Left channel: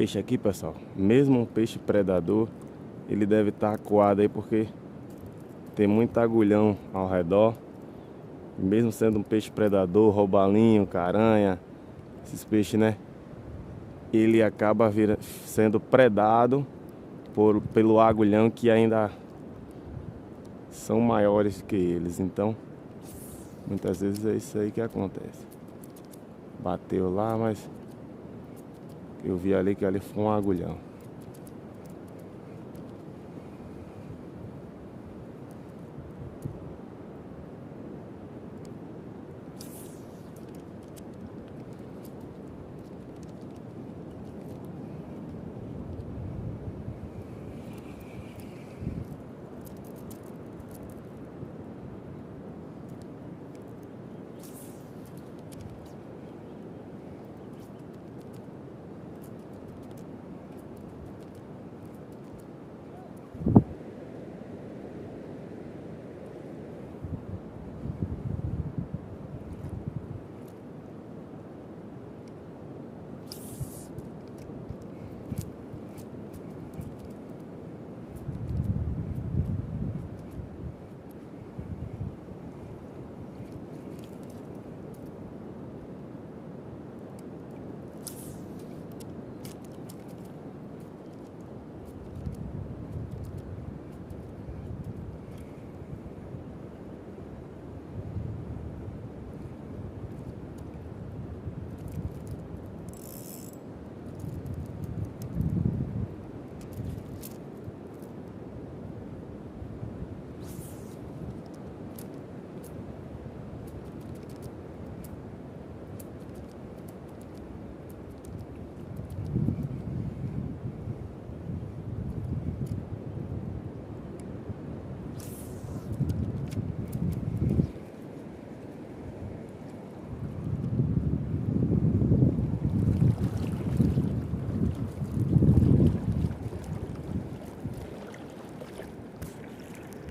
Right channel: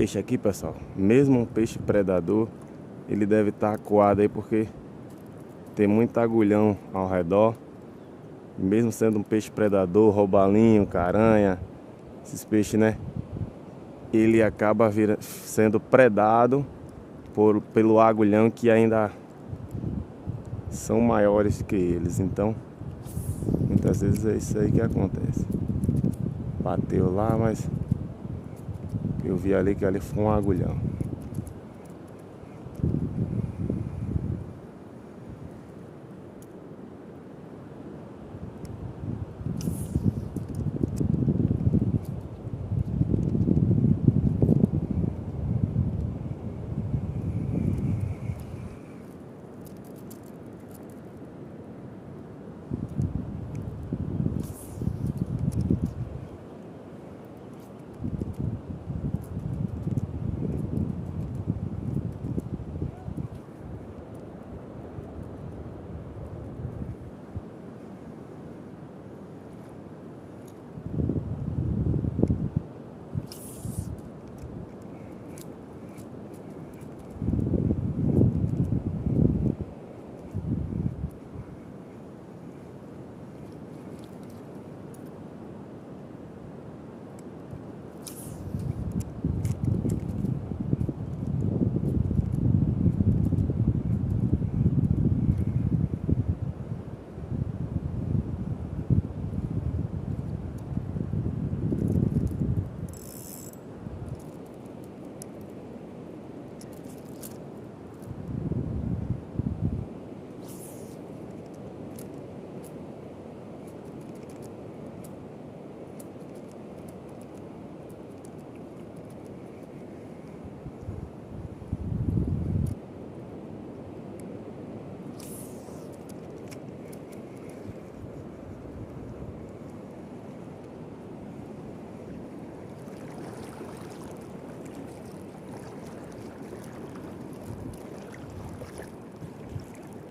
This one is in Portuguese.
peixe aqui, pessoal, mesmo um peixe predador, ele deve estar acuado aí porque tem muito agulhão ao redor. Mesmo sendo um peixe predador, roubalinho, caranha, esses peixes, né? Ele acaba sendo predado pelo agulhão, que ainda são maiores que eles. Então, muitas vezes é isso aí que acontece. Bateu lá, mas eu vi ali que ali foi um agulhão.